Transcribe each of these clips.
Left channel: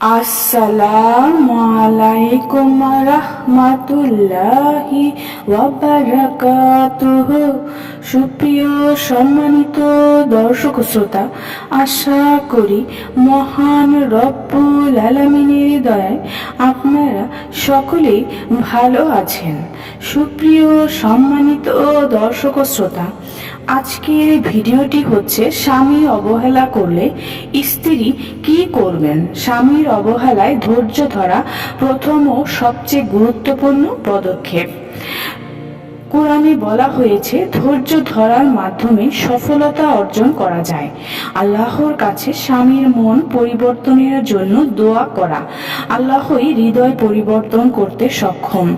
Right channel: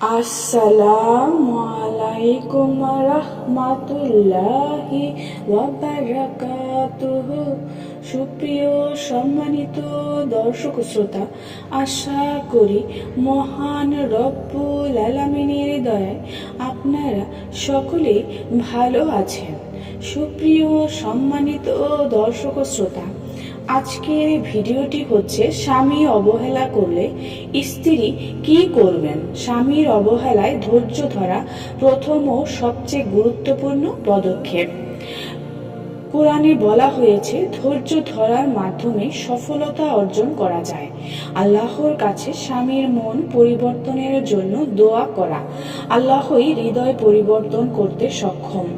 আসসালামু আলাইকুম রাহমাতুল্লাহি ওয়া বারাকাতুহু। সুপ্রিয় সম্মানিত দর্শক শ্রোতা, আশা করি মহান রব্বুল আলামিনের দয়ায় আপনারা সকলেই ভালো আছেন। সুপ্রিয় সম্মানিত দর্শক শ্রোতা, আজকের ভিডিওটি হচ্ছে স্বামী অবহেলা করলে স্ত্রী কি করবেন। স্বামীর অবহেলায় ধৈর্য ধরা প্রথম ও সবচেয়ে গুরুত্বপূর্ণ পদক্ষেপ। কোরআনে বলা হয়েছে ধৈর্য ধরার মাধ্যমে সফলতা অর্জন করা যায়। আল্লাহর কাছে স্বামীর মন পরিবর্তনের জন্য দোয়া করা। আল্লাহই হৃদয় পরিবর্তন করতে সক্ষম।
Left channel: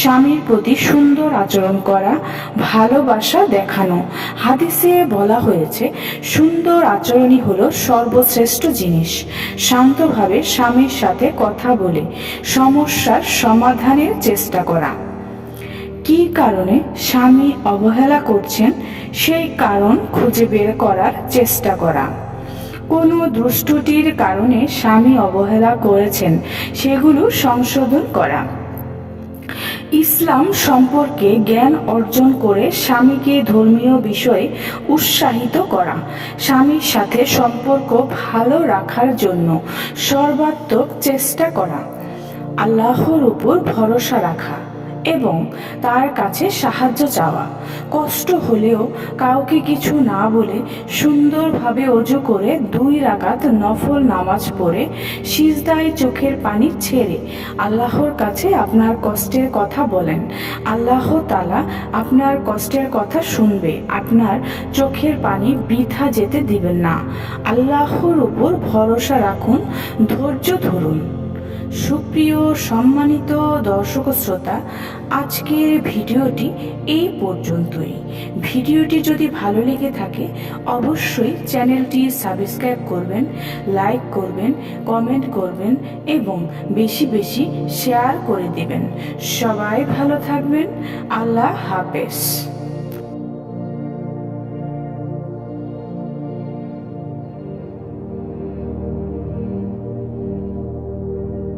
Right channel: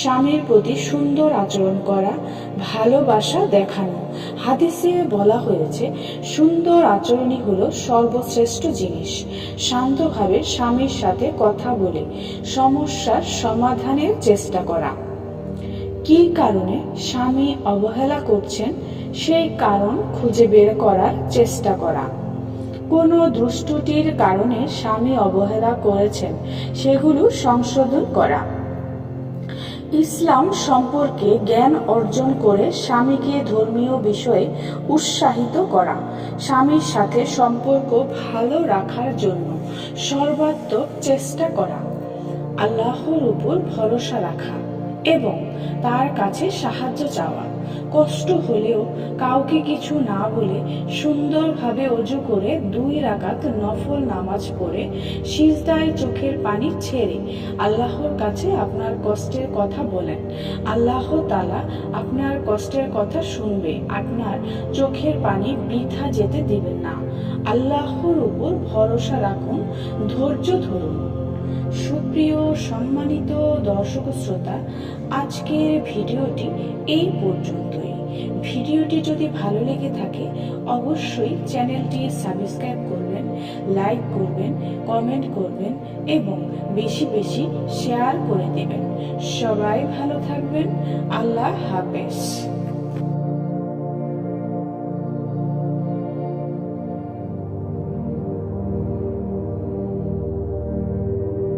স্বামীর প্রতি সুন্দর আচরণ করা, ভালোবাসা দেখানো। হাদিসে বলা হয়েছে সুন্দর আচরণই হলো সর্বশ্রেষ্ঠ জিনিস। শান্তভাবে স্বামীর সাথে কথা বলে সমস্যার সমাধানের চেষ্টা করা। কি কারণে স্বামী অবহেলা করছেন সেই কারণ খুঁজে বের করার চেষ্টা করা। কোনো দুষ্টটির কারণে স্বামী অবহেলা করেছেন সেগুলো সংশোধন করা। ইসলাম সম্পর্কে জ্ঞান অর্জন করে স্বামীকে ধর্মীয় বিষয়ে উৎসাহিত করা। স্বামীর সাথে সম্পর্ক ভালো রাখার জন্য সর্বাত্মক চেষ্টা করা। আল্লাহর উপর ভরসা রাখা এবং তার কাছে সাহায্য চাওয়া। কষ্ট হলেও কাউকে কিছু না বলে সুন্দরভাবে ওযু করে 2 রাকাত নফল নামাজ পড়ে সিজদায় চোখের পানি ছেড়ে আল্লাহর কাছে আপনার কষ্টের কথা বলেন। আল্লাহ তাআলা আপনার কষ্টের কথা শুনবে, আপনার চোখের পানি বৃথা যেতে দিবেন না। আল্লাহর উপর ভরসা রাখুন, ধৈর্য ধরুন। সুপ্রিয় সম্মানিত দর্শক শ্রোতা, আজকের ভিডিওটি এই পর্যন্তই। ভিডিওটি যদি ভালো লেগে থাকে অবশ্যই চ্যানেলটি সাবস্ক্রাইব করবেন, লাইক করবেন, কমেন্ট করবেন এবং বেশি বেশি শেয়ার করে দেবেন। সবাই ভালো থাকবেন। আল্লাহ হাফেজ।